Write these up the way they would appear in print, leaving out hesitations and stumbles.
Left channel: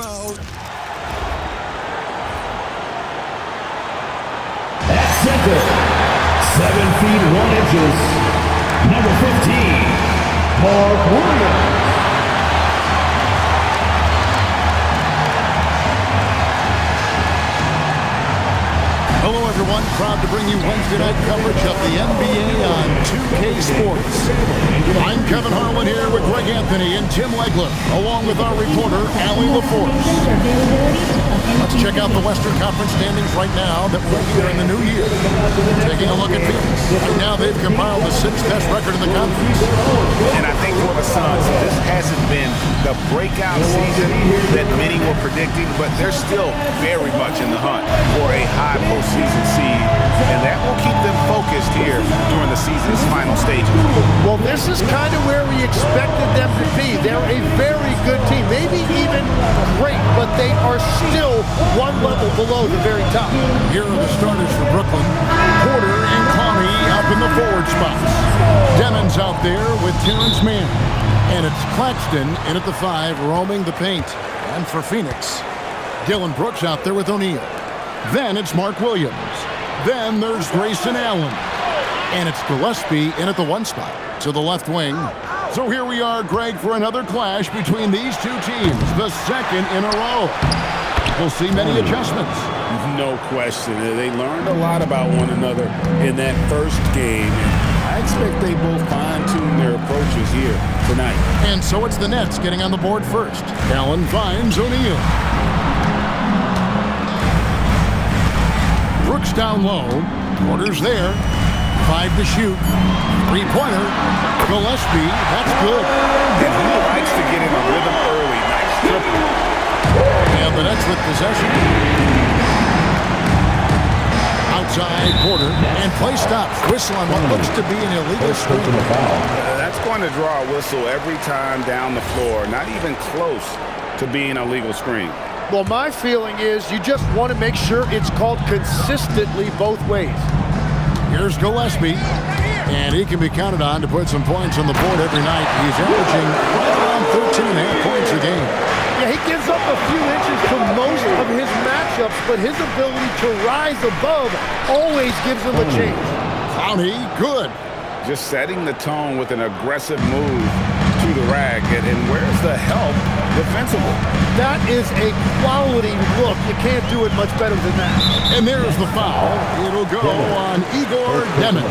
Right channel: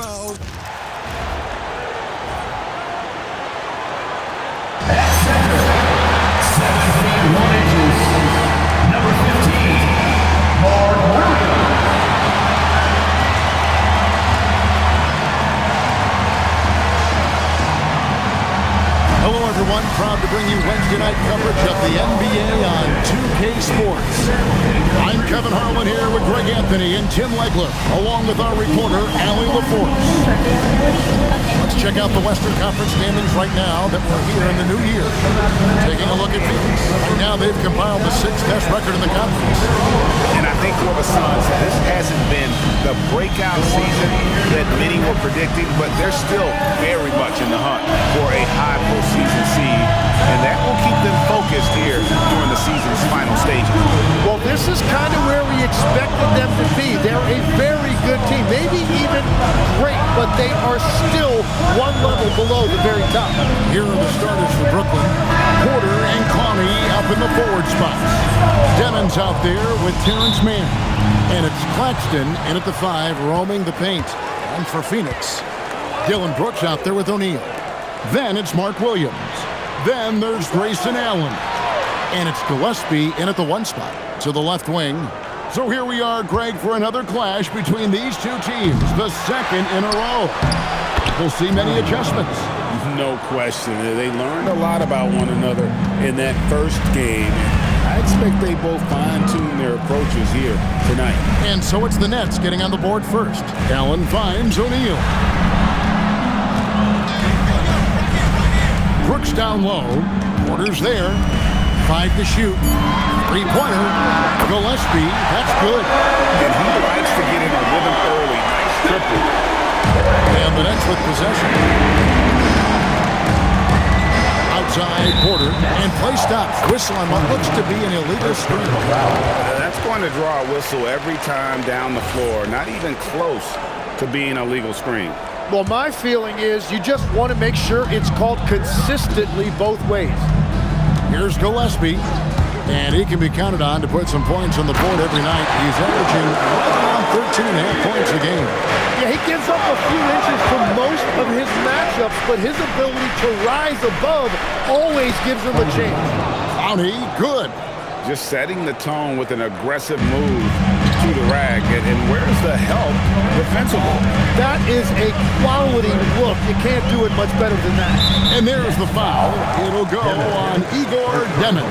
mouth. At center, 7 feet 1 inches, number 15, Mark Williams. Hello, everyone. Proud to bring you Wednesday night coverage of the NBA on 2K Sports. I'm Kevin Harlan here with Greg Anthony and Tim Legler, along with our reporter, Allie LaForce. Let's check out the Western Conference standings right now that we're here in the new year. Taking a look at Phoenix. Right now, they've compiled the 6th best record in the conference. And I think for the Suns, this hasn't been the breakout season that many were predicting, but they're still very much in the hunt for a high postseason seed, and that will keep them focused here during the season's final stages. Well, this is kind of where we expected them to be. They're a very good team, maybe even great, but they are still one level below the very top. Here are the starters for Brooklyn. Porter and Clowney up in the forward spots. Demon's out there with Terrence Mann. And it's Claxton in at the 5, roaming the paint. And for Phoenix, Dylan Brooks out there with O'Neal. Then it's Mark Williams. Then there's Grayson Allen. And it's Gillespie in at the 1 spot to the left wing. So here we are, Greg, for another clash between these two teams, the second in a row. We'll see many adjustments. No question. They learned a lot about one another in that first game, and I expect they both fine-tune their approaches here tonight. And so it's the Nets getting on the board first. Allen finds O'Neal. Brooks down low. Porter's there. 5 to shoot. 3-pointer. Gillespie, that's good. And he likes to get in a rhythm early. Nice triple. And the Nets with possession. Outside Porter, and play stops. Whistle on what looks to be an illegal screen. That's going to draw a whistle every time down the floor. Not even close to being a legal screen. Well, my feeling is you just want to make sure it's called consistently both ways. Here's Gillespie, and he can be counted on to put some points on the board every night. He's averaging right around 13.5 points a game. Yeah, he gives up a few inches for most of his matchups, but his ability to rise above always gives him a chance. Clowney, good. Just setting the tone with an aggressive move to the rack. And where's the help defensively? That is a quality look. You can't do it much better than that. And there's the foul. It'll go on Igor Demon.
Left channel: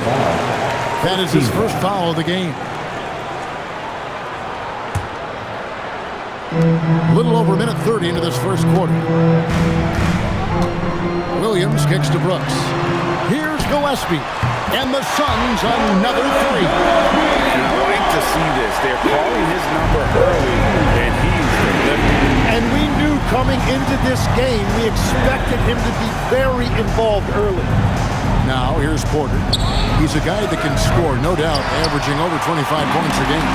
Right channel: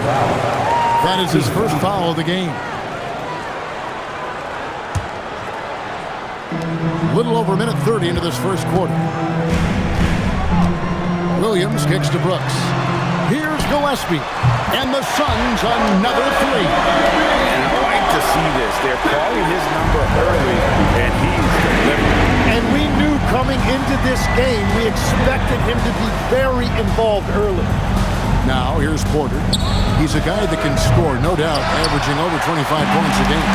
That is his first foul of the game. Little over a minute 30 into this first quarter. Williams kicks to Brooks. Here's Gillespie. And the Suns another 3. And I like to see this. They're calling his number early, and he's delivering. And we knew coming into this game, we expected him to be very involved early. Now, here's Porter. He's a guy that can score, no doubt, averaging over 25 points a game.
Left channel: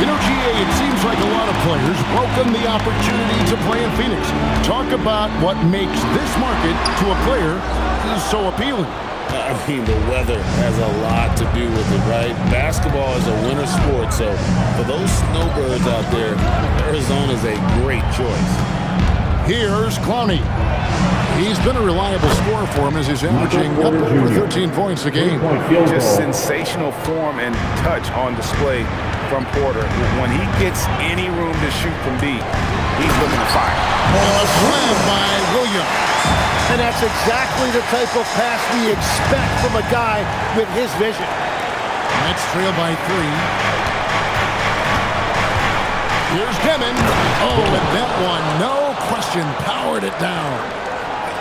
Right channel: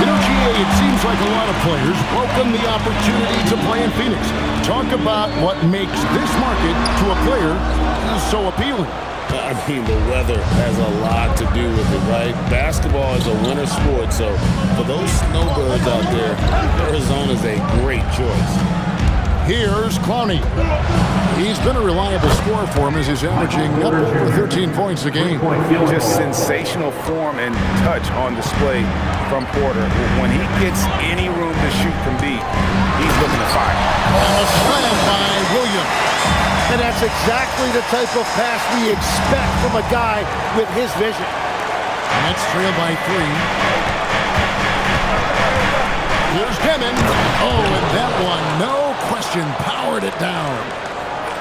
You know, GA, it seems like a lot of players welcome the opportunity to play in Phoenix. Talk about what makes this market to a player so appealing. I mean, the weather has a lot to do with it, right? Basketball is a winter sport, so for those snowbirds out there, Arizona's a great choice. Here's Clowney. He's been a reliable scorer for him as he's averaging up over 13 points a game. Just sensational form and touch on display from Porter. When he gets any room to shoot from deep, he's looking to fire. And a slam by Williams. And that's exactly the type of pass we expect from a guy with his vision. Nets trail by 3. Here's Demon. Oh, and that one, no question, powered it down.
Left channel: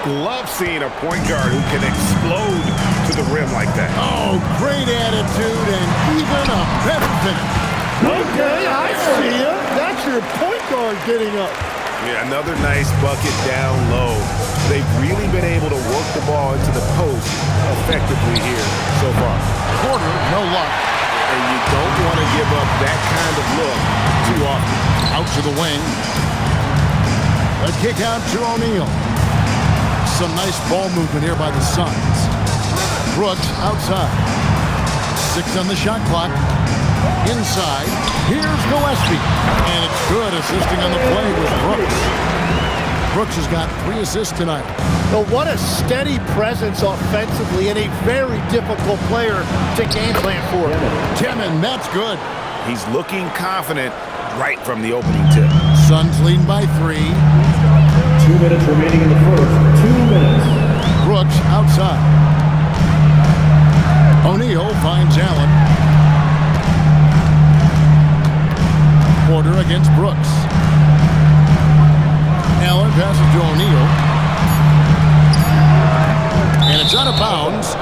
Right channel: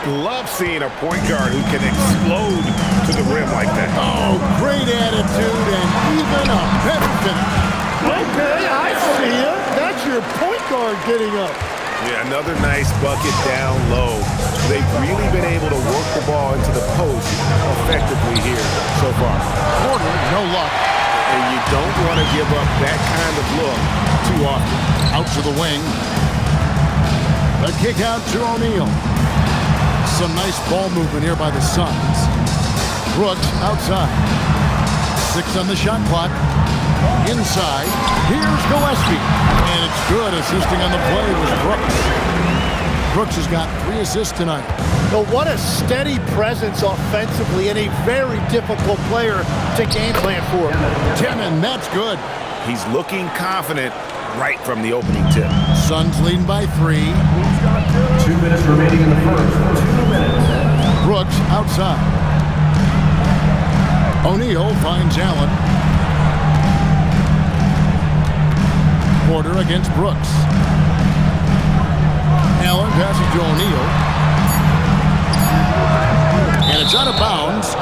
Love seeing a point guard who can explode to the rim like that. Oh, great attitude and even a better finish. Okay, I see you. That's your point guard getting up. Yeah, another nice bucket down low. They've really been able to work the ball into the post effectively here so far. Porter, no luck. And you don't want to give up that kind of look too often. Out to the wing. A kick out to O'Neal. Some nice ball movement here by the Suns. Brooks outside. 6 on the shot clock. Inside. Here's Gillespie. And it's good. Assisting on the play was Brooks. Brooks has got 3 assists tonight. But what a steady presence offensively and a very difficult player to game plan for. Demon, that's good. He's looking confident right from the opening tip. Suns leading by 3. 2 minutes remaining in the first. 2 minutes. Brooks outside. O'Neal finds Allen. Porter against Brooks. Allen passes to O'Neal. And it's out of bounds.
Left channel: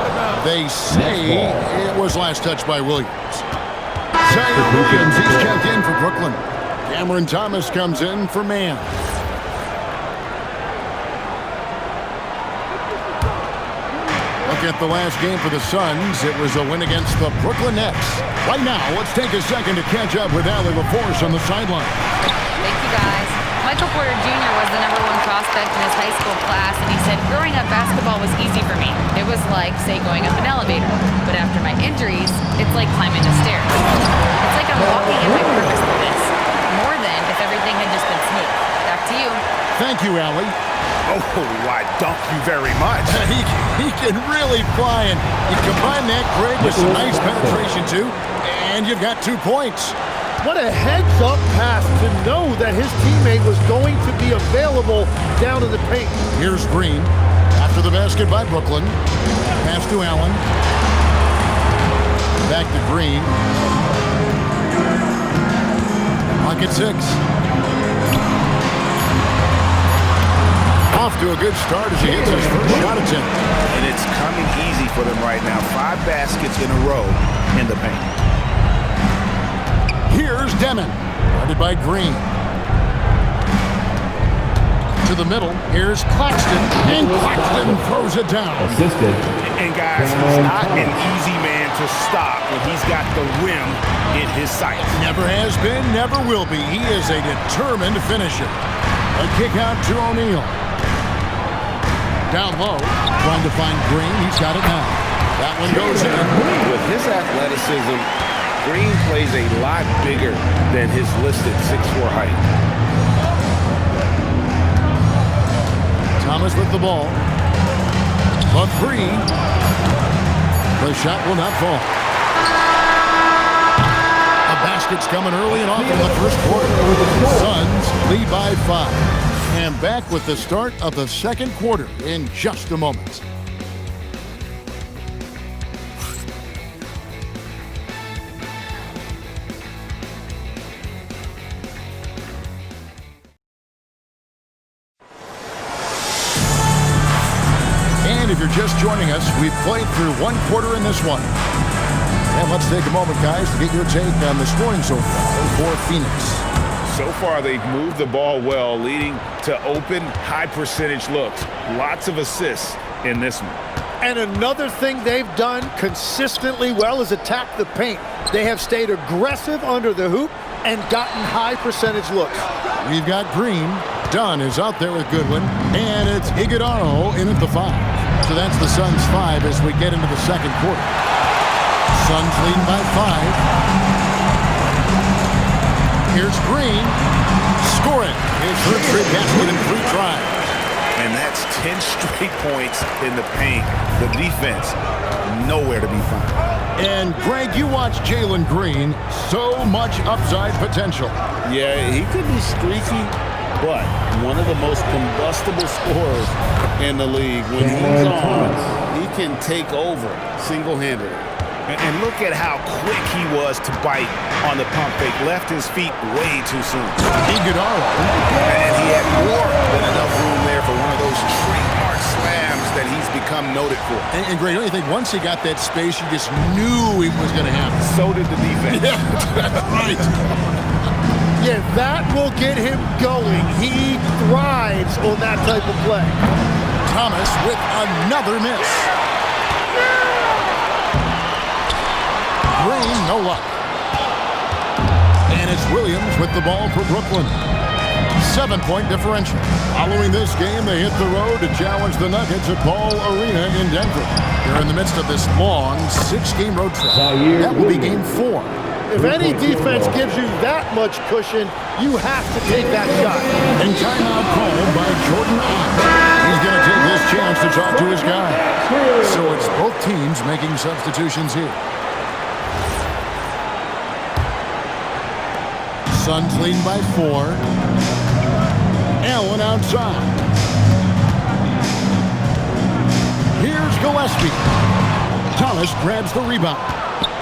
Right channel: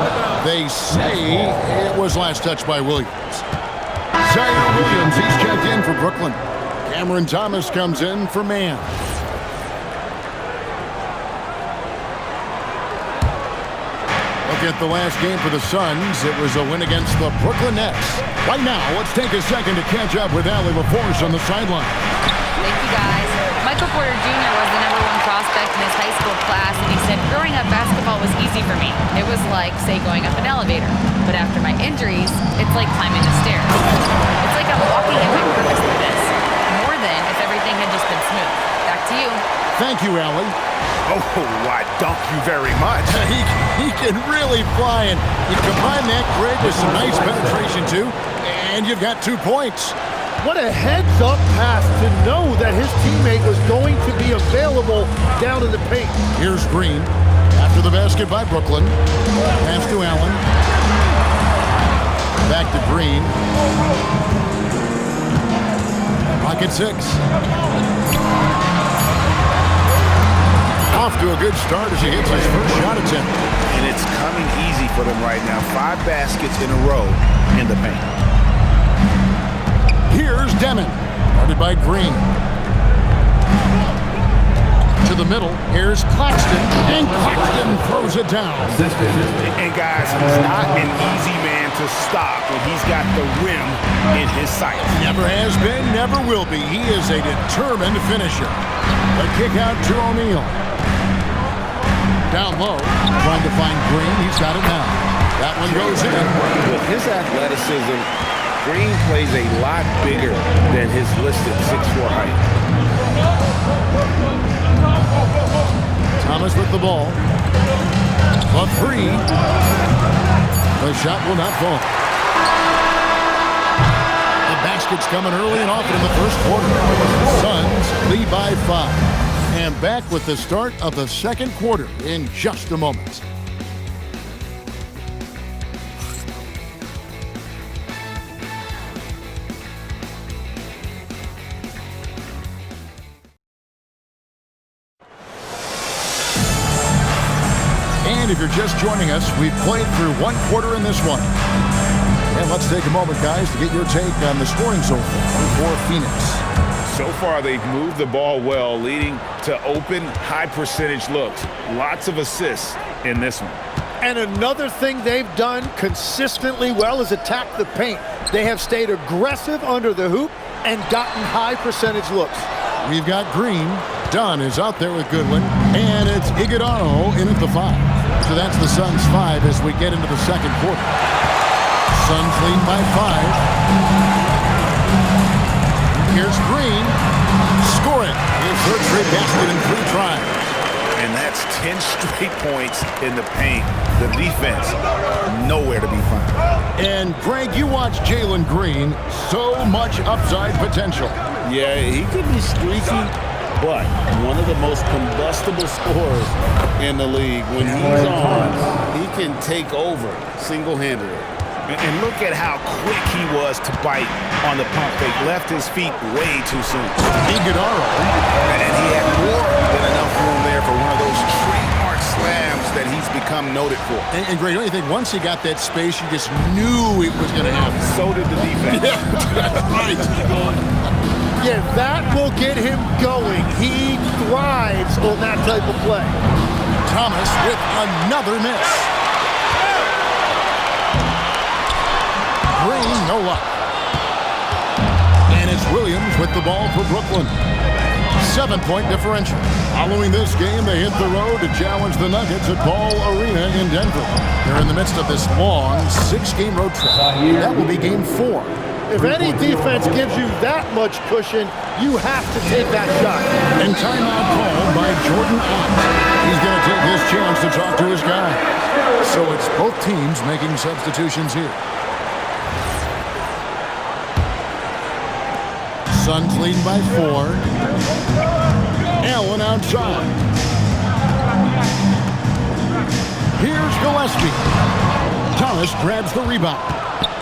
They say it was last touched by Williams. Zaire Williams, he's checked in for Brooklyn. Cameron Thomas comes in for man. Look at the last game for the Suns. It was a win against the Brooklyn Nets. Right now, let's take a second to catch up with Allie LaForce on the sideline. Thank you, guys. Michael Porter Jr. was the #1 prospect in his high school class, and he said, growing up, basketball was easy for me. It was like, say, going up an elevator. But after my injuries, it's like climbing the stairs. It's like I'm walking in my purpose through this. More than if everything had just been smooth. Back to you. Thank you, Allie. Oh, why, thank you very much. He can really fly, and you combine that, Greg, with some nice penetration, too, and you've got 2 points. What a heads-up pass to know that his teammate was going to be available down in the paint. Here's Green. After the basket by Brooklyn. Pass to Allen. Back to Green. Pocket 6. Off to a good start as he hits his first shot attempt. And it's coming easy for them right now. 5 baskets in a row in the paint. Here's Demon, guarded by Green. To the middle, here's Claxton, and Claxton throws it down. Assisted. And guys, he's not an easy man to stop when he's got the rim in his sights. Never has been, never will be. He is a determined finisher. A kick out to O'Neal. Down low, trying to find Green. He's got it now. That one goes in. With his athleticism, Green plays a lot bigger than his listed 6'4" height. Thomas with the ball. The 3. The shot will not fall. The basket's coming early and often in the first quarter. Suns lead by 5. And back with the start of the second quarter in just a moment. And if you're just joining us, we've played through 1 quarter in this one. And let's take a moment, guys, to get your take on the scoring so far for Phoenix. So far, they've moved the ball well, leading to open, high-percentage looks. Lots of assists in this one. And another thing they've done consistently well is attack the paint. They have stayed aggressive under the hoop and gotten high-percentage looks. We've got Green. Dunn is out there with Goodwin. And it's Iguodala in at the 5. So that's the Suns' 5 as we get into the second quarter. Suns leading by 5. Here's Green. Score it. His third straight basket in 3 tries. And that's 10 straight points in the paint. The defense, nowhere to be found. And, Greg, you watch Jalen Green. So much upside potential. Yeah, he could be streaky, but one of the most combustible scorers in the league. When he's on, he can take over single-handedly. And look at how quick he was to bite on the pump fake. Left his feet way too soon. Iguodala. And he had more than enough room there for one of those trademark slams that he's become noted for. And Greg, don't you think once he got that space, you just knew it was going to happen? So did the defense. Yeah, that's right. Yeah, that will get him going. He thrives on that type of play. Thomas with another miss. Green, no luck. And it's Williams with the ball for Brooklyn. 7-point differential. Following this game, they hit the road to challenge the Nuggets at Ball Arena in Denver. They're in the midst of this long 6-game road trip. That will be game 4. If any defense gives you that much cushion, you have to take that shot. And timeout called by Jordan Ott. He's going to take this chance to talk to his guy. So it's both teams making substitutions here. Suns leading by 4. Allen outside. Here's Gillespie. Thomas grabs the rebound.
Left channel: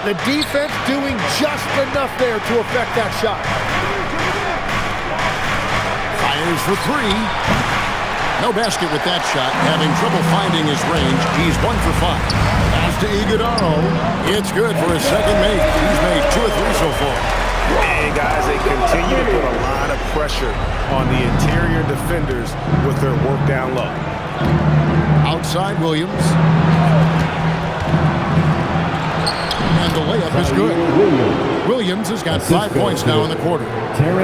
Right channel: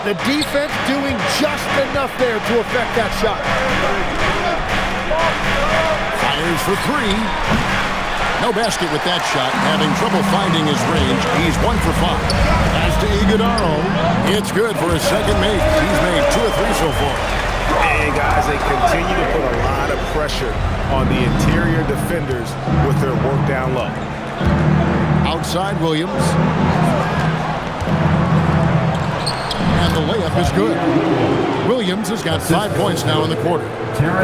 The defense doing just enough there to affect that shot. Fires for 3. No basket with that shot. Having trouble finding his range. He's 1 for 5. As to Iguodaro, it's good for his second make. He's made 2 or 3 so far. And guys, they continue to put a lot of pressure on the interior defenders with their work down low. Outside Williams. And the layup is good. Williams has got 5 points now in the quarter.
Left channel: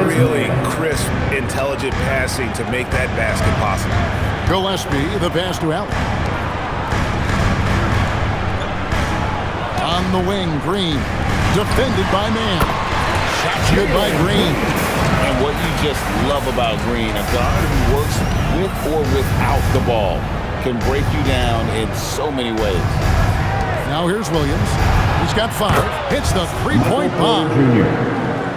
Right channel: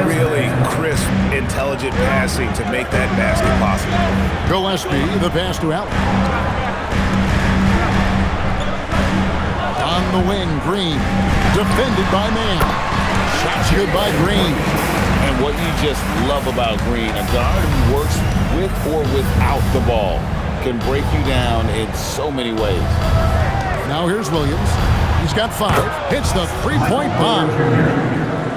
Really crisp, intelligent passing to make that basket possible. Gillespie, the pass to Allen. On the wing, Green. Defended by Mann. Shot's good by Green. And what you just love about Green, a guard who works with or without the ball, can break you down in so many ways. Now here's Williams. He's got 5. Hits the three-point bomb.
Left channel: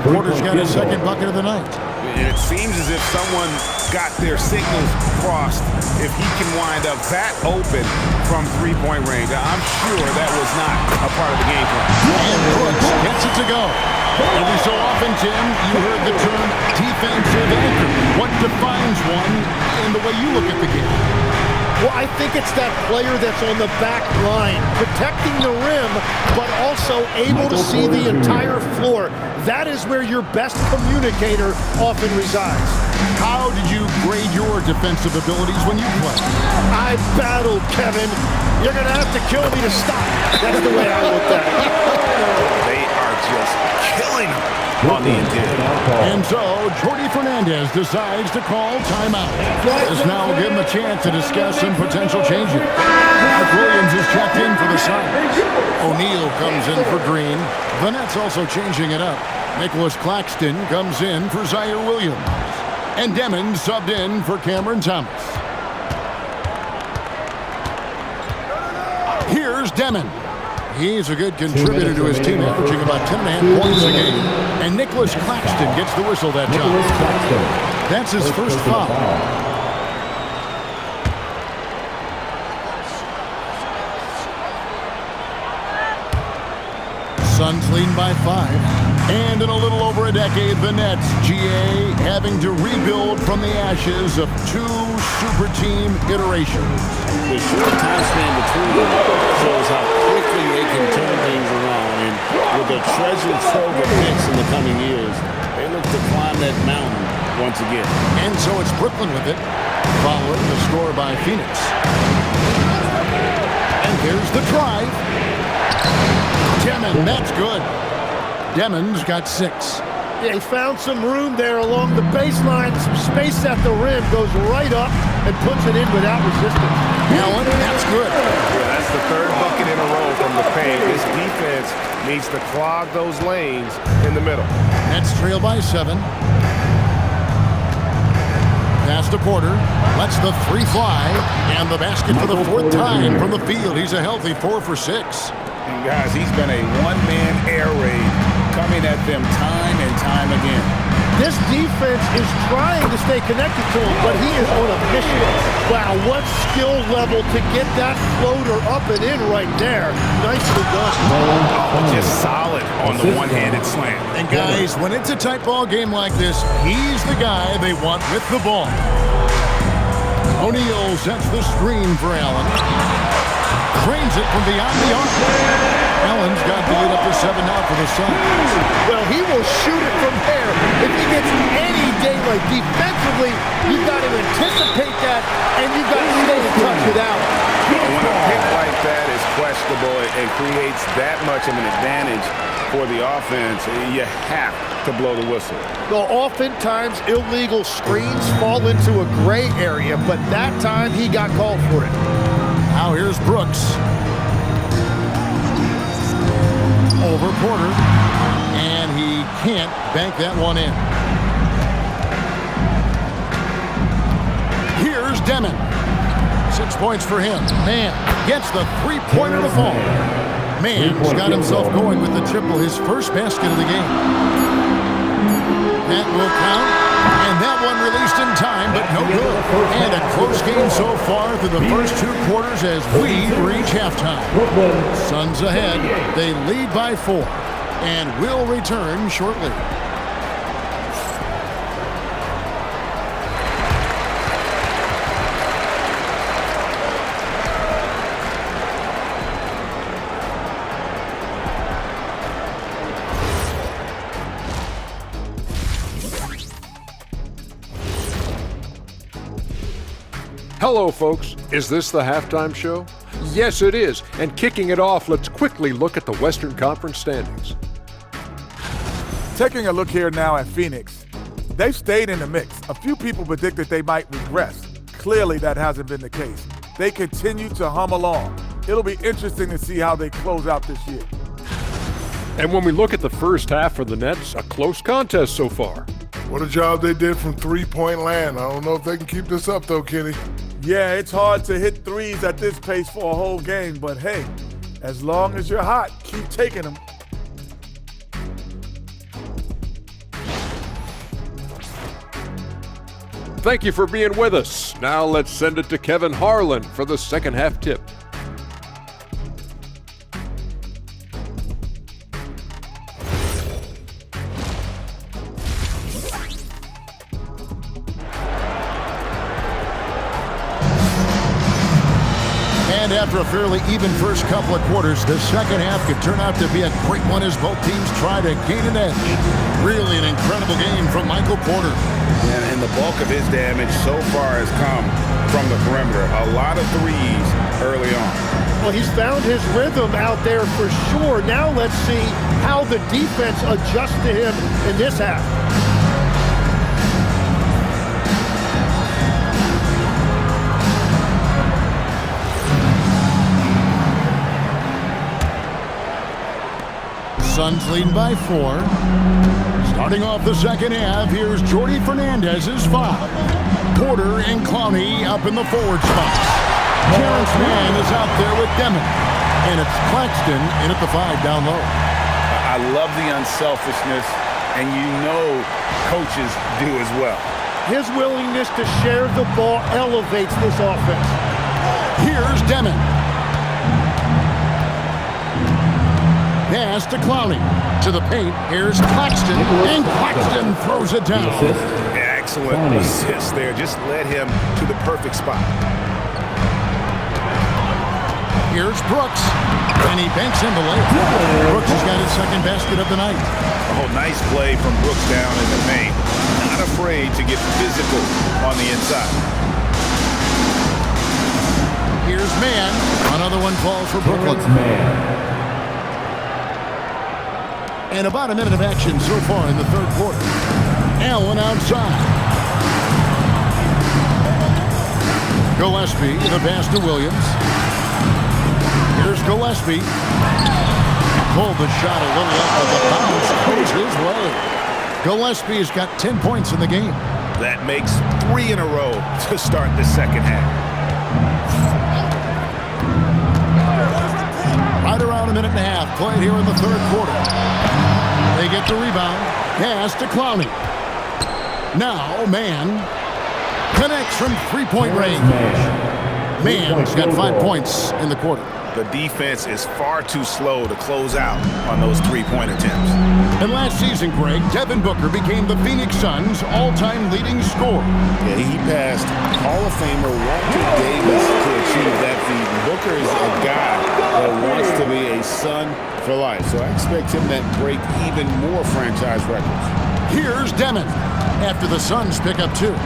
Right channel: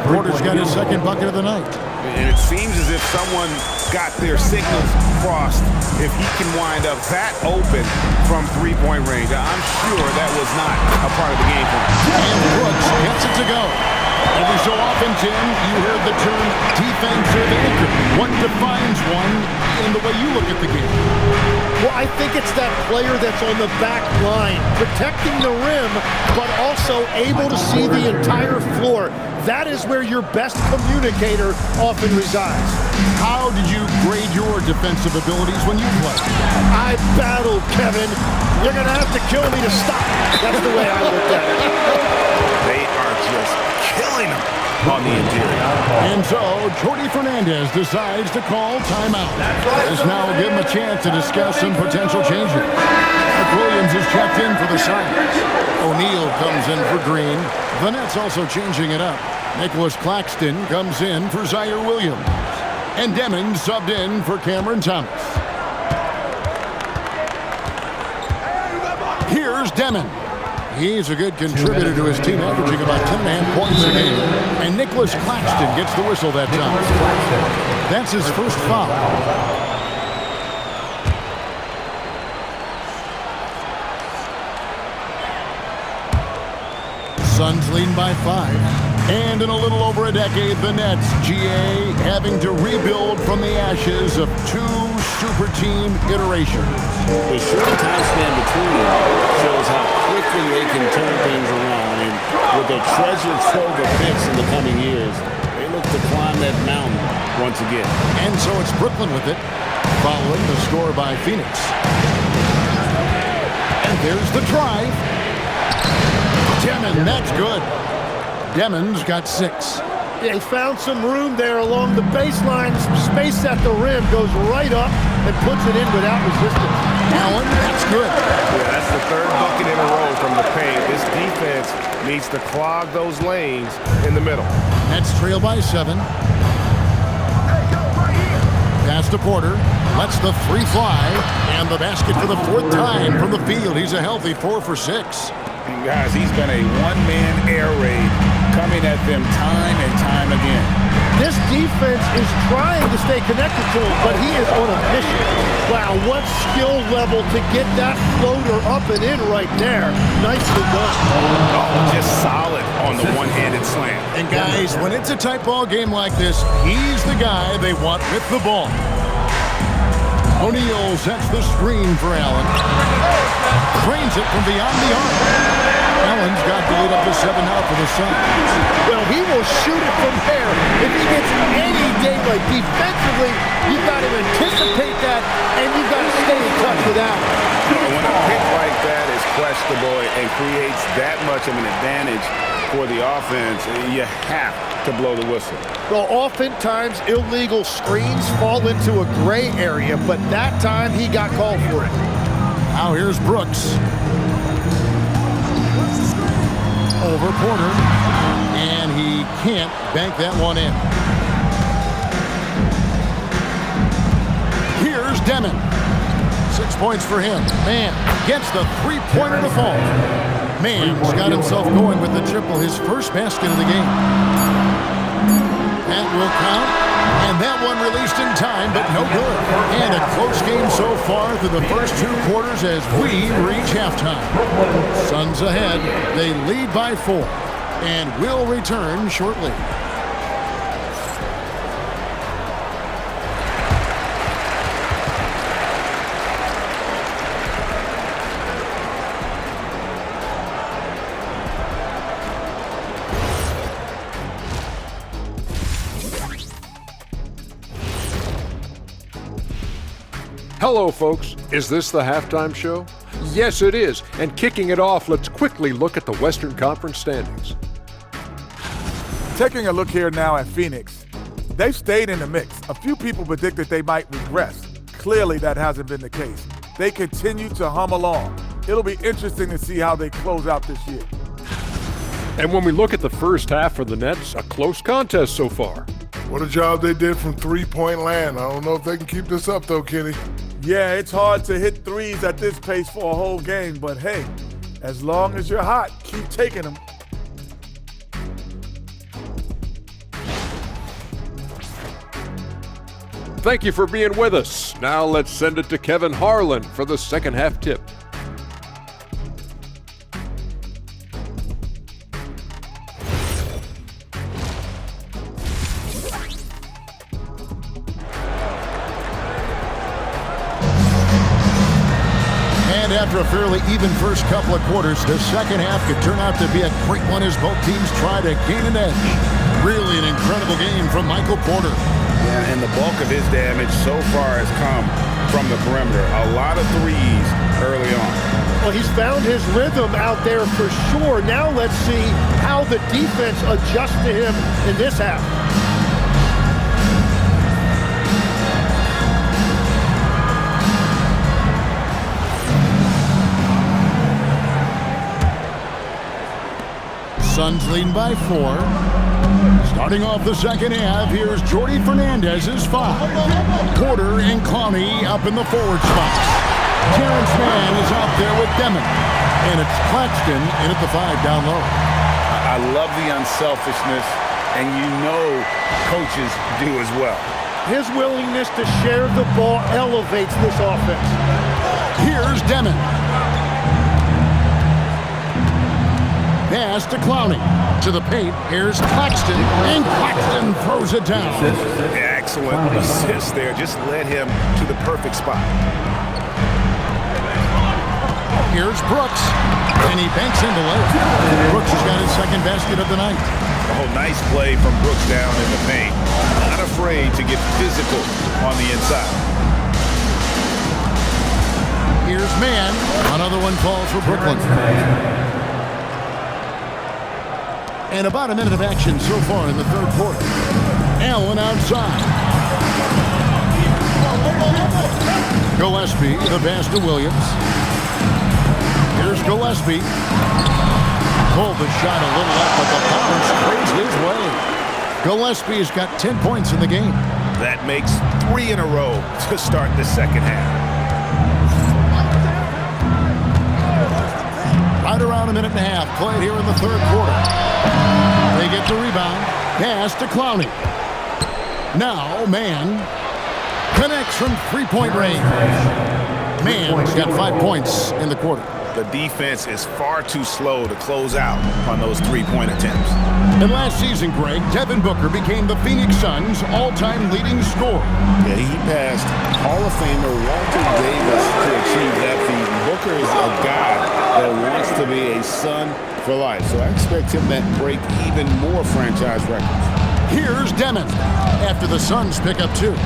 Porter's got his second bucket of the night. And it seems as if someone got their signals crossed if he can wind up that open from three-point range. I'm sure that was not a part of the game plan. And Brooks gets it to go. Every so often, Tim, you heard the term defensive anchor. What defines one in the way you look at the game? Well, I think it's that player that's on the back line, protecting the rim, but also able to see the entire floor. That is where your best communicator often resides. How did you grade your defensive abilities when you played? I battled, Kevin. You're going to have to kill me to stop. That's the way I looked at it. They are just killing them on the interior. And so, Jordi Fernandez decides to call timeout. This now will give him a chance to discuss some potential changes. Mark Williams is checked in for the Suns. O'Neal comes in for Green. The Nets also changing it up. Nicholas Claxton comes in for Zaire Williams. And Demons subbed in for Cameron Thomas. Here's Demon. He's a good contributor to his team, averaging about 10.5 points a game. And Nicholas Claxton gets the whistle that time. That's his first foul. Suns leading by 5. And in a little over a decade, the Nets, GA, having to rebuild from the ashes of 2 super team iterations. The short time span between them shows how quickly they can turn things around. And with a treasure trove of picks in the coming years, they look to climb that mountain once again. And so it's Brooklyn with it, following the score by Phoenix. And there's the drive. Demon, that's good. Demon's got 6. They found some room there along the baseline, some space at the rim, goes right up and puts it in without resistance. Allen, that's good. Yeah, that's the 3rd bucket in a row from the paint. This defense needs to clog those lanes in the middle. Nets trail by 7. Pass to Porter. Lets the 3 fly. And the basket for the 4th time from the field. He's a healthy 4 for 6. And guys, he's been a one-man air raid coming at them time and time again. This defense is trying to stay connected to him, but he is on a mission. Wow, what skill level to get that floater up and in right there. Nicely done. Oh, just solid on the one-handed slam. And guys, when it's a tight ball game like this, he's the guy they want with the ball. O'Neal sets the screen for Allen. Cranes it from beyond the arc. Allen's got the lead up to 7 now for the Suns. Well, he will shoot it from there. If he gets any daylight defensively, you've got to anticipate that, and you've got to stay in touch with Allen. When a pick like that is questionable and creates that much of an advantage for the offense, you have to blow the whistle. Well, oftentimes illegal screens fall into a gray area, but that time he got called for it. Now here's Brooks. Over Porter. And he can't bank that one in. Here's Demon. 6 points for him. Man gets the three-pointer to fall. Man's got himself going with the triple, his first basket of the game. That will count. And that one released in time, but no good. And a close game so far through the first 2 quarters as we reach halftime. Suns ahead. They lead by 4 and will return shortly. Hello, folks. Is this the halftime show? Yes, it is. And kicking it off, let's quickly look at the Western Conference standings. Taking a look here now at Phoenix, they've stayed in the mix. A few people predicted they might regress. Clearly, that hasn't been the case. They continue to hum along. It'll be interesting to see how they close out this year. And when we look at the first half for the Nets, a close contest so far. What a job they did from three-point land. I don't know if they can keep this up, though, Kenny. Yeah, it's hard to hit threes at this pace for a whole game, but hey, as long as you're hot, keep taking them. Thank you for being with us. Now let's send it to Kevin Harlan for the second half tip. And after a fairly even first couple of quarters, the second half could turn out to be a great one as both teams try to gain an edge. Really an incredible game from Michael Porter. Yeah, and the bulk of his damage so far has come from the perimeter. A lot of threes early on. Well, he's found his rhythm out there for sure. Now let's see how the defense adjusts to him in this half. Suns leading by 4. Starting off the second half, here's Jordy Fernandez's 5. Porter and Clowney up in the forward spots. Terrence Mann is out there with Demon. And it's Claxton in at the 5 down low. I love the unselfishness, and you know coaches do as well. His willingness to share the ball elevates this offense. Here's Demon. Pass to Clowney. To the paint, here's Claxton, and Claxton throws it down. Excellent assist there. Just led him to the perfect spot. Here's Brooks, and he banks in the layup. Brooks has got his second basket of the night. Oh, nice play from Brooks down in the paint. Not afraid to get physical on the inside. Here's Mann. Another one falls for Brooklyn. And about a minute of action so far in the third quarter. Allen outside. Gillespie, the pass to Williams. Here's Gillespie. Pulled the shot a little up, but the bounce goes his way. Gillespie's got 10 points in the game. That makes 3 in a row to start the second half. Right around a minute and a half played here in the third quarter. They get the rebound. Pass to Clowney. Now Mann connects from three-point range. Mann's got 5 points in the quarter. The defense is far too slow to close out on those three-point attempts. And last season, Greg, Devin Booker became the Phoenix Suns' all-time leading scorer. Yeah, he passed Hall of Famer Walter Davis to achieve that feat. And Booker is a guy that wants to be a Sun for life. So I expect him to break even more franchise records. Here's Demon after the Suns pick up 2.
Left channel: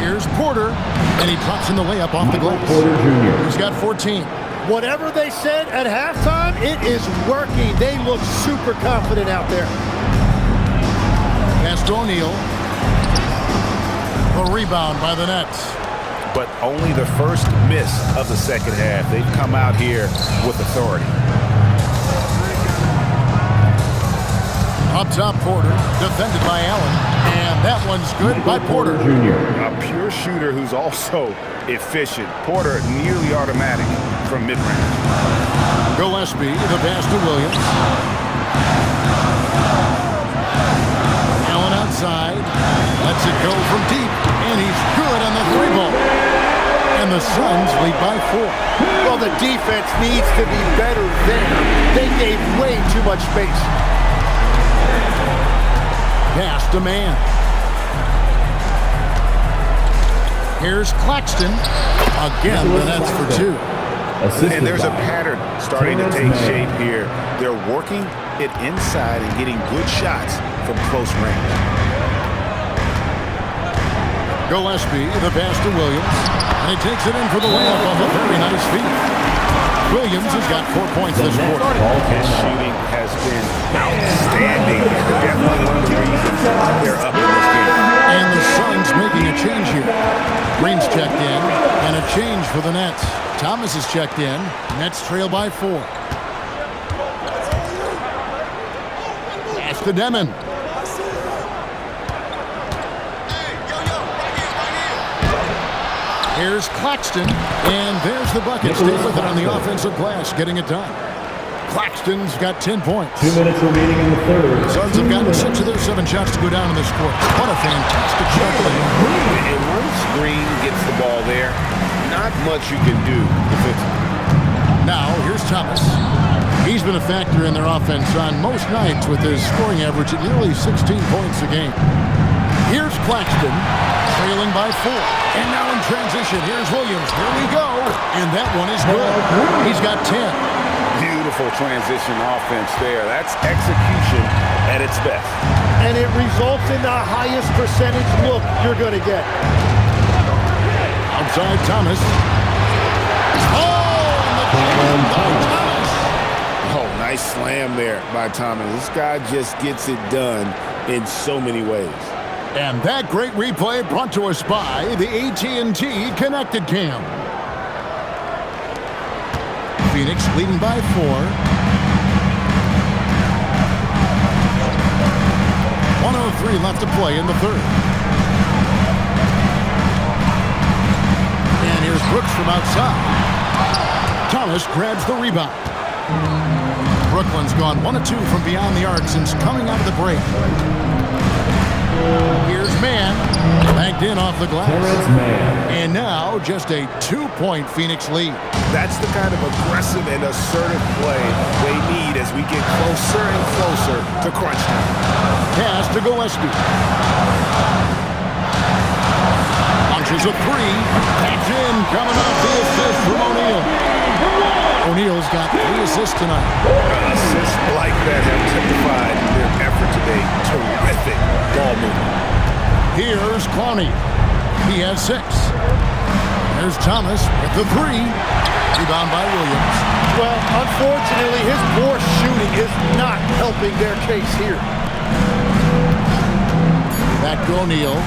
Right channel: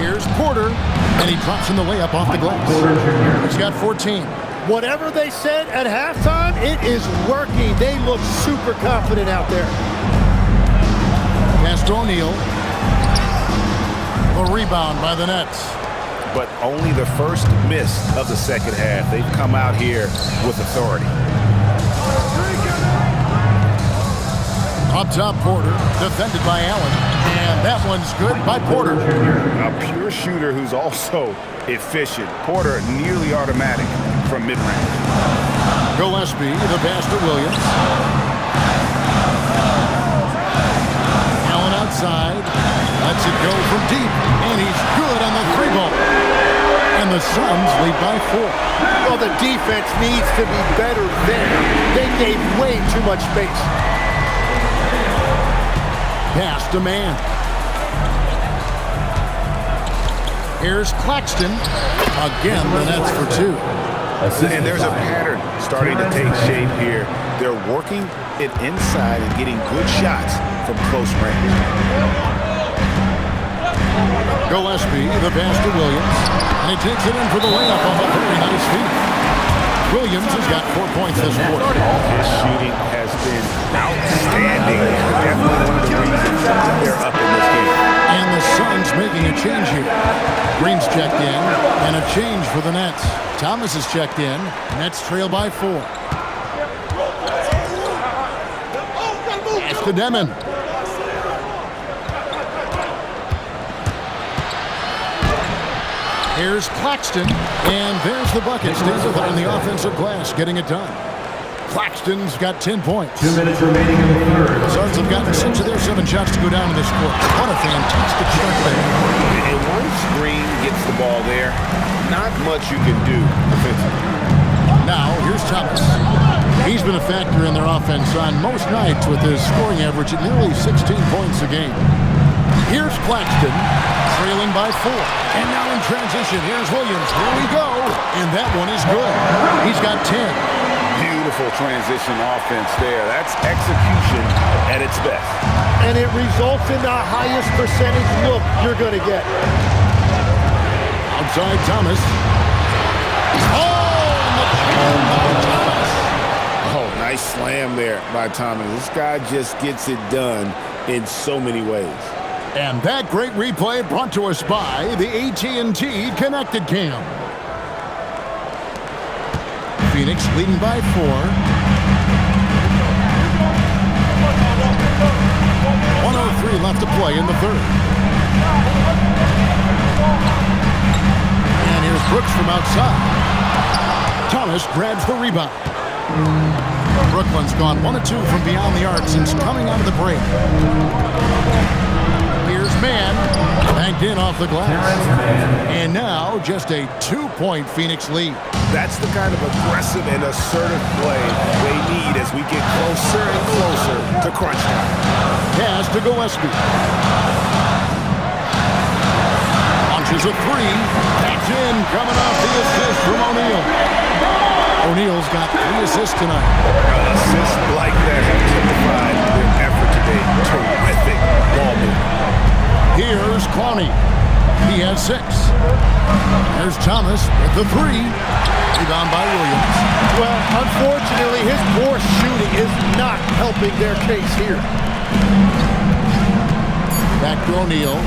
Here's Porter, and he drops in the layup off the glass. He's got 14. Whatever they said at halftime, it is working. They look super confident out there. Pass to O'Neal. The rebound by the Nets. But only the first miss of the second half. They've come out here with authority. Up top, Porter, defended by Allen. And that one's good by Porter. A pure shooter who's also efficient. Porter nearly automatic from mid-range. Gillespie, the pass to Williams. Allen outside. Lets it go from deep. And he's good on the three ball. And the Suns lead by 4. Well, the defense needs to be better there. They gave way too much space. Pass to man. Here's Claxton. Again, the Nets for 2. And there's a pattern starting to take shape here. They're working it inside and getting good shots from close range. Gillespie, the pass to Williams. And he takes it in for the layup off a very nice feed. Williams has got 4 points this quarter. His shooting has been outstanding. Definitely one of the reasons they're up in this game. And the Suns making a change here. Green's checked in, and a change for the Nets. Thomas is checked in. Nets trail by 4. Pass to Demon. Here's Claxton, and there's the bucket. Stay with it on the offensive glass, getting it done. Claxton's got 10 points. 2 minutes remaining in the third. The Suns have gotten 6 of their 7 shots to go down in this quarter. What a fantastic start to the game. And once Green gets the ball there, not much you can do defensively. Now, here's Thomas. He's been a factor in their offense on most nights with his scoring average at nearly 16 points a game. Here's Claxton, trailing by 4. And now in transition, here's Williams. Here we go. And that one is good. He's got 10. Beautiful transition offense there. That's execution at its best. And it results in the highest percentage look you're going to get. Outside Thomas. Oh, and the jam by Thomas. Oh, nice slam there by Thomas. This guy just gets it done in so many ways. And that great replay brought to us by the AT&T Connected Cam. Phoenix leading by 4. 1:03 left to play in the third. And here's Brooks from outside. Thomas grabs the rebound. Brooklyn's gone 1 of 2 from beyond the arc since coming out of the break. Here's Mann, banked in off the glass. And now just a 2-point Phoenix lead. That's the kind of aggressive and assertive play they need as we get closer and closer to crunch time. Pass to Gillespie. Launches a 3. That's in, coming off the assist from O'Neal. O'Neal's got 3 assists tonight. Assists like that have typified their effort today. Terrific ball movement. Here's Clowney. He has 6. There's Thomas with the 3. Rebound by Williams. Well, unfortunately, his poor shooting is not helping their case here. Back to O'Neal.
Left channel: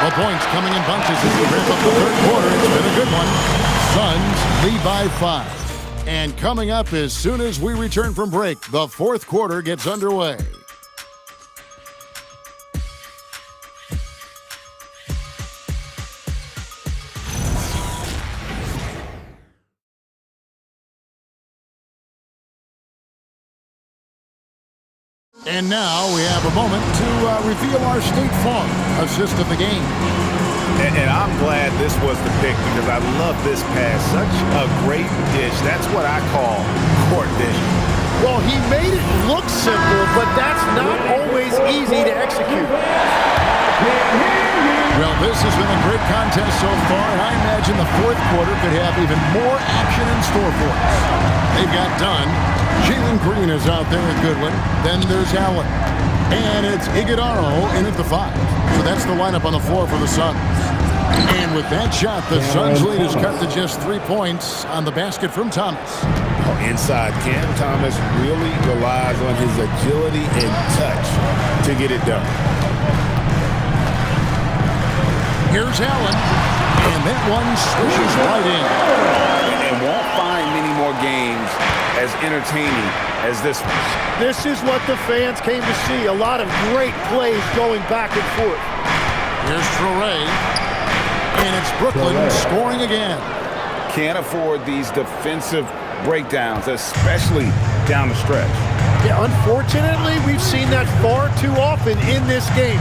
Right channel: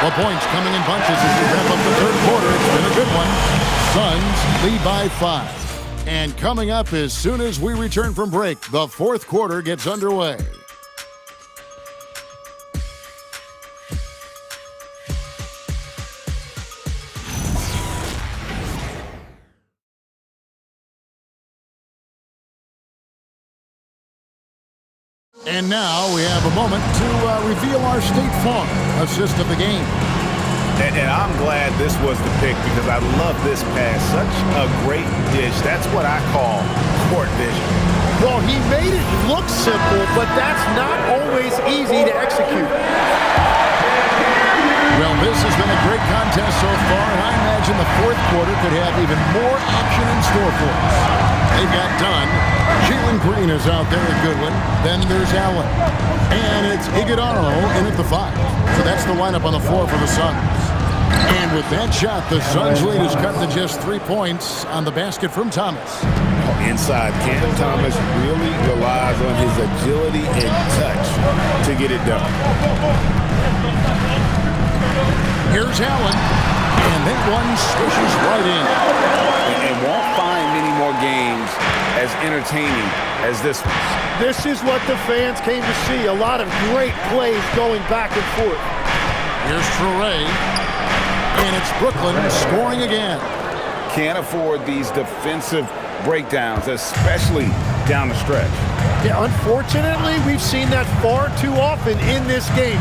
The points coming in bunches as we wrap up the third quarter. It's been a good one. Suns lead by 5. And coming up as soon as we return from break, the fourth quarter gets underway. And now we have a moment to reveal our State Farm assist of the game. And I'm glad this was the pick because I love this pass. Such a great dish. That's what I call court vision. Well, he made it look simple, but that's not always easy to execute. Well, this has been a great contest so far, and I imagine the fourth quarter could have even more action in store for us. They've got Dunn. Jalen Green is out there at Goodwin. Then there's Allen. And it's Iguodaro in at the 5. So that's the lineup on the floor for the Suns. And with that shot, the Suns' lead is cut to just 3 points on the basket from Thomas. Oh, inside, Cam Thomas really relies on his agility and touch to get it done. Here's Allen, and that one swishes right in. And won't find many more games as entertaining as this one. This is what the fans came to see. A lot of great plays going back and forth. Here's Traore, and it's Brooklyn scoring again. Can't afford these defensive breakdowns, especially down the stretch. Yeah, unfortunately, we've seen that far too often in this game.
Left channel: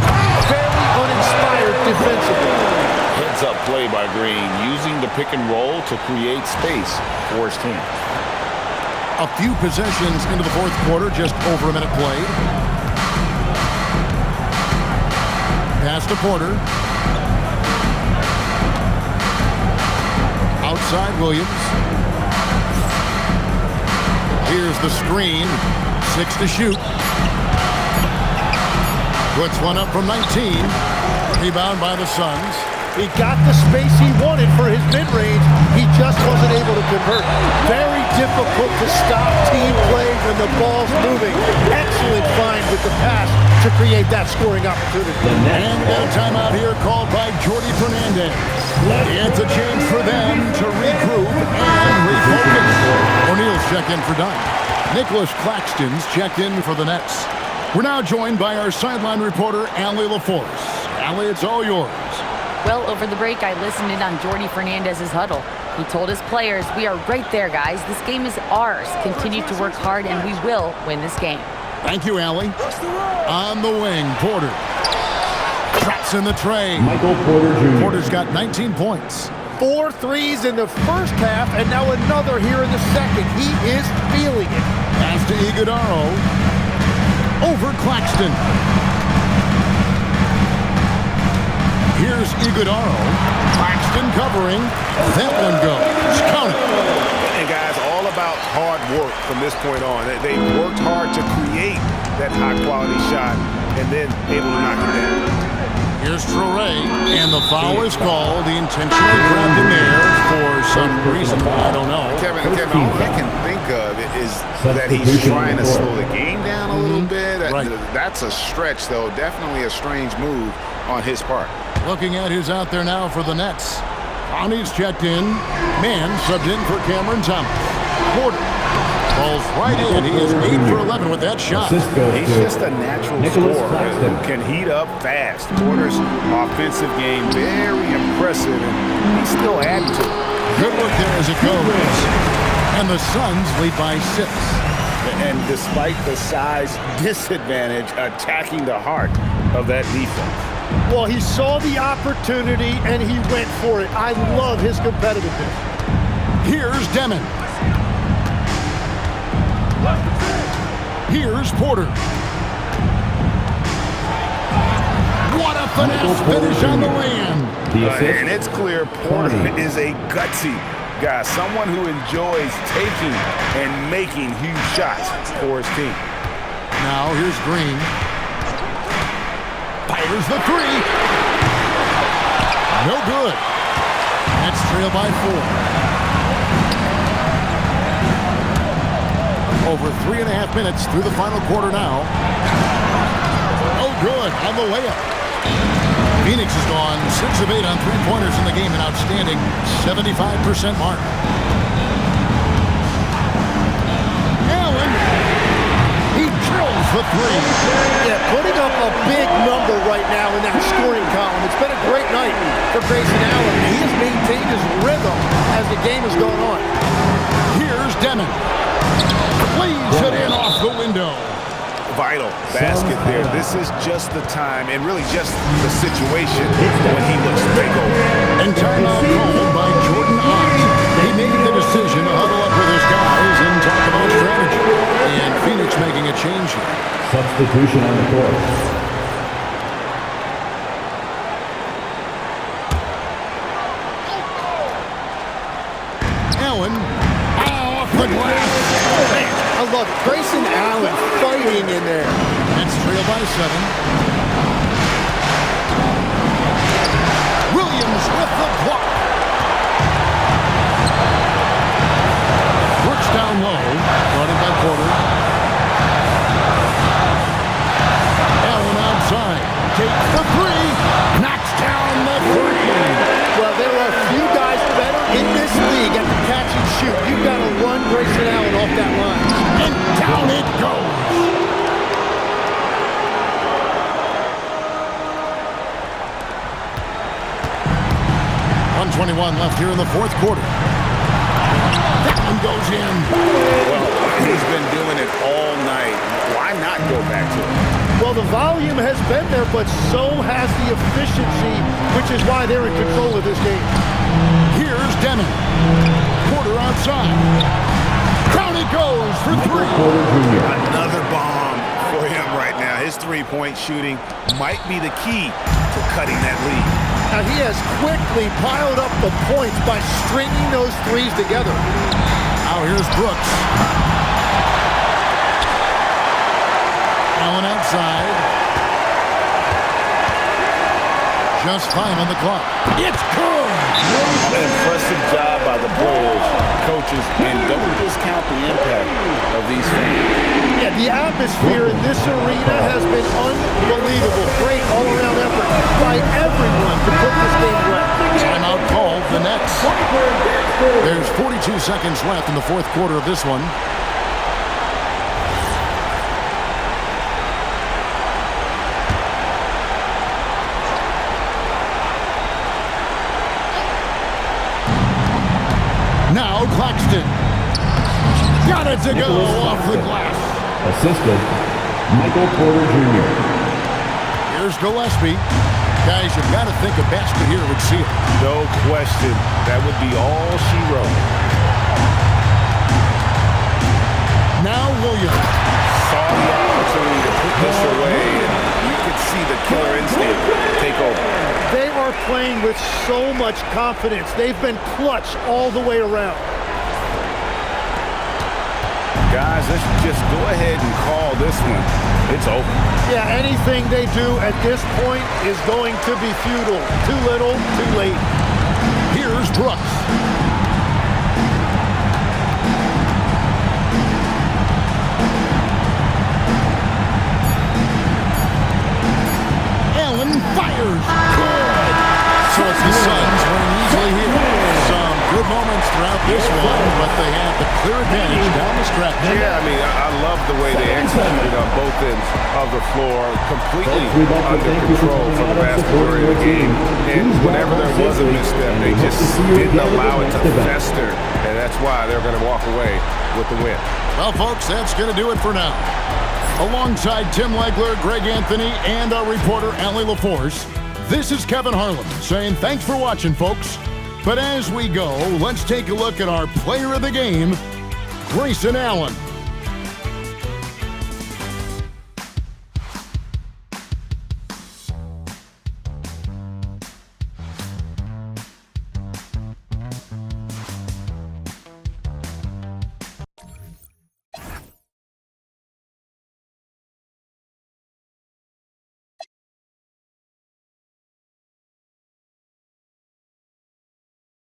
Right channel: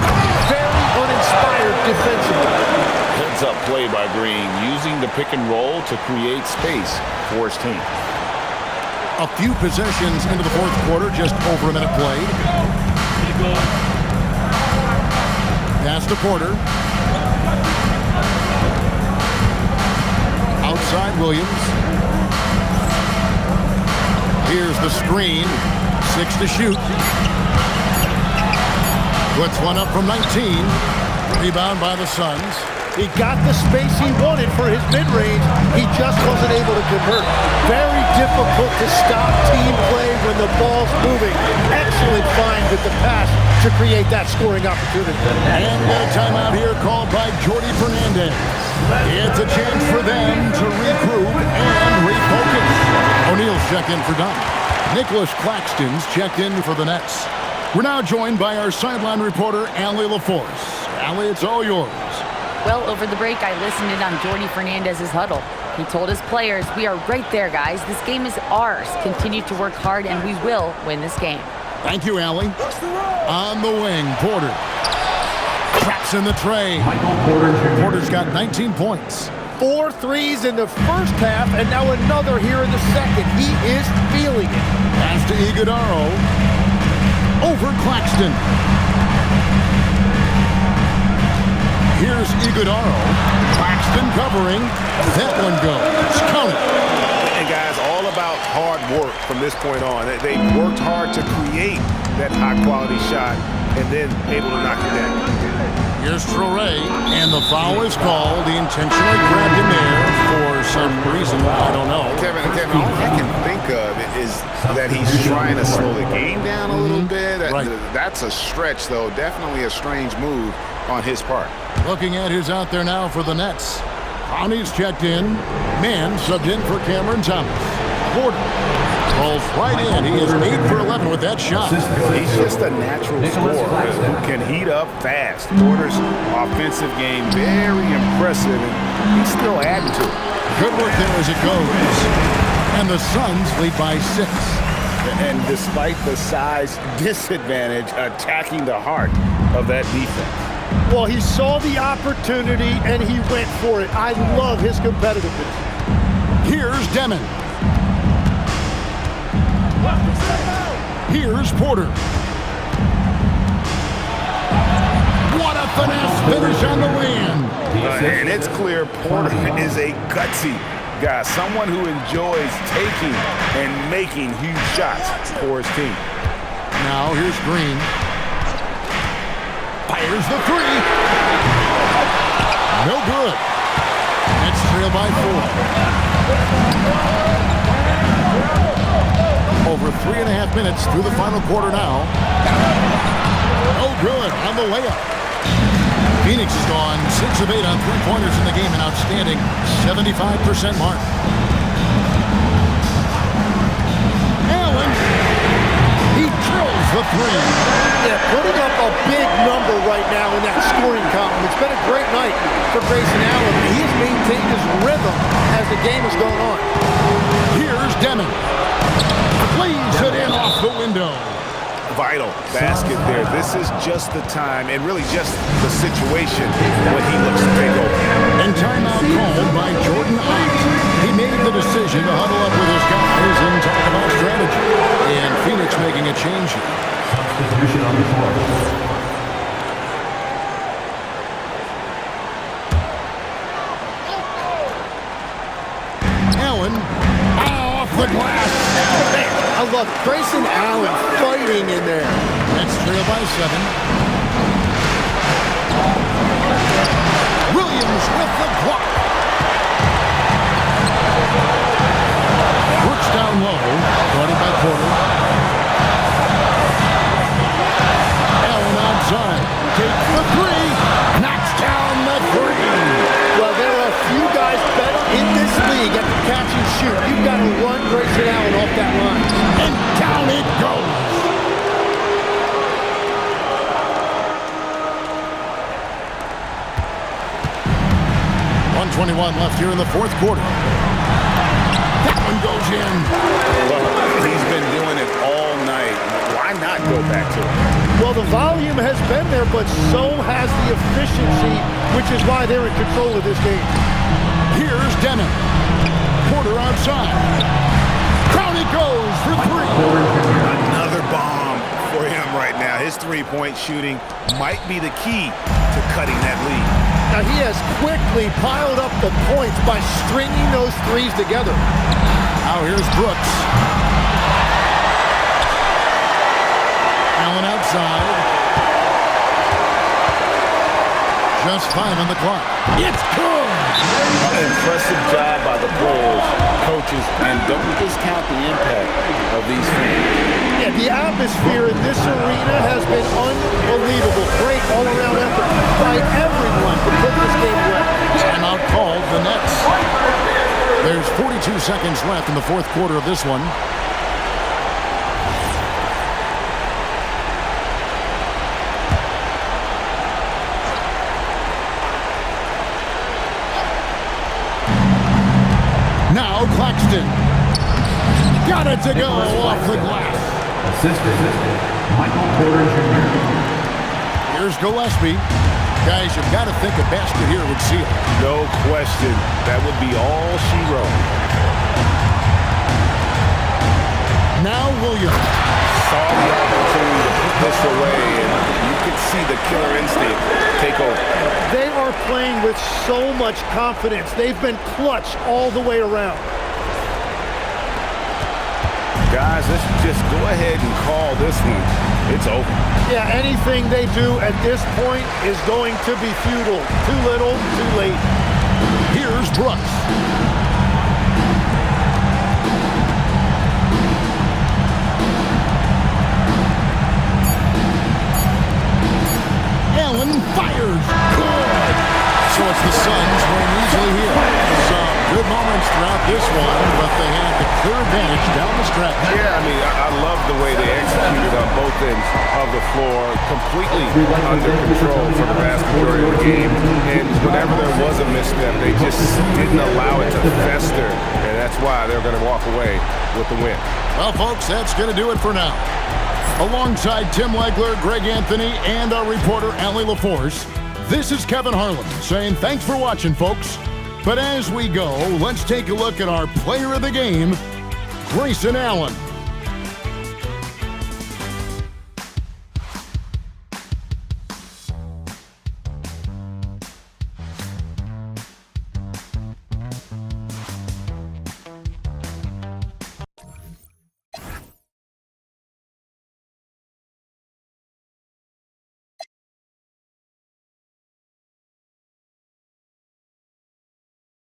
Very uninspired defensively. Heads-up play by Green, using the pick and roll to create space for his team. A few possessions into the fourth quarter, just over a minute played. Pass to Porter. Outside Williams. Here's the screen. 6 to shoot. Puts one up from 19. Rebound by the Suns. He got the space he wanted for his mid-range. He just wasn't able to convert. Very difficult to stop team play when the ball's moving. Excellent find with the pass to create that scoring opportunity. And we got a timeout here called by Jordi Fernandez. It's a chance for them to regroup and refocus. O'Neal's checked in for Dunn. Nicholas Claxton's checked in for the Nets. We're now joined by our sideline reporter, Allie LaForce. Allie, it's all yours. Well, over the break, I listened in on Jordi Fernandez's huddle. He told his players, "We are right there, guys. This game is ours. Continue to work hard, and we will win this game." Thank you, Allie. On the wing, Porter. Traps in the tray. Michael Porter Jr. Porter's got 19 points. 4 threes in the first half, and now another here in the second. He is feeling it. Pass to Iguodaro. Over Claxton. Here's Iguodaro. Claxton covering. That one goes. Count it. And guys, all about hard work from this point on. They worked hard to create that high-quality shot and then able to knock it down. Here's Traore, and the foul is called. He intentionally grabbed him there for some reason. I don't know. Kevin, all I can think of is that he's trying to slow the game down a little bit. Right. That's a stretch, though. Definitely a strange move on his part. Looking at who's out there now for the Nets. Connie's checked in. Mann subbed in for Cameron Thomas. Porter falls right in. He is 8 for 11 with that shot. He's just a natural scorer who can heat up fast. Porter's offensive game very impressive, and he's still adding to it. Good work there as it goes. And the Suns lead by 6. And despite the size disadvantage, attacking the heart of that defense. Well, he saw the opportunity, and he went for it. I love his competitiveness. Here's Demon. Here's Porter. What a finesse finish on the land. And it's clear Porter is a gutsy guy, someone who enjoys taking and making huge shots for his team. Now here's Green. Fires the 3. No good. Nets trail by 4. Over 3.5 minutes through the final quarter now. No good on the layup. Phoenix has gone 6 of 8 on three-pointers in the game, an outstanding 75% mark. Allen. He drills the 3. Yeah, putting up a big number right now in that scoring column. It's been a great night for Grayson Allen, and he has maintained his rhythm as the game has gone on. Here's Demon. Plays it in off the window. Vital basket there. This is just the time and really just the situation when he looks to take over. And timeout called by Jordan Ott. He made the decision to huddle up with his guys and talk about strategy. And Phoenix making a change here. Substitution on the court. Allen off the glass. Oh, man, I love it. Grayson Allen fighting in there. Nets trail by 7. Williams with the block. Works down low. Guarded by Porter. Allen outside. Takes the 3. Knocks down the 3. Well, there are a few guys better in this league at the catch and shoot. You've got to run Grayson Allen off that line. And down it goes. .121 left here in the fourth quarter. That one goes in. Well, he's been doing it all night. Why not go back to it? Well, the volume has been there, but so has the efficiency, which is why they're in control of this game. Here's Demon. Porter outside. Down it goes for three. Another bomb for him right now. His three-point shooting might be the key to cutting that lead. Now, he has quickly piled up the points by stringing those threes together. Now here's Brooks. Allen outside. Just 5 on the clock. It's good! Impressive job by the players, coaches, and don't discount the impact of these fans. Yeah, the atmosphere in this arena has been unbelievable. Great all-around effort by everyone to put this game away. Timeout called, the Nets. There's 42 seconds left in the fourth quarter of this one. Now Claxton. Got it to go off the glass. Assistant, Michael Porter Jr. Here's Gillespie. Guys, you've got to think a basket here would seal it. No question. That would be all she wrote. Now Williams. Saw the opportunity to put this away, and you could see the killer instinct take over. They are playing with so much confidence. They've been clutch all the way around. Guys, let's just go ahead and call this one. It's over. Yeah, anything they do at this point is going to be futile. Too little, too late. Here's Brooks. Allen fires. Good. So it's the Suns winning easily here. Some good moments throughout this one, but they had the clear advantage down the stretch. Yeah, I mean, I love the way they executed on both ends of the floor, completely under control for the vast majority of the game. And whenever there was a misstep, they just didn't allow it to fester, and that's why they're going to walk away with the win. Well, folks, that's going to do it for now. Alongside Tim Legler, Greg Anthony, and our reporter, Allie LaForce, this is Kevin Harlan saying thanks for watching, folks. But as we go, let's take a look at our player of the game, Grayson Allen.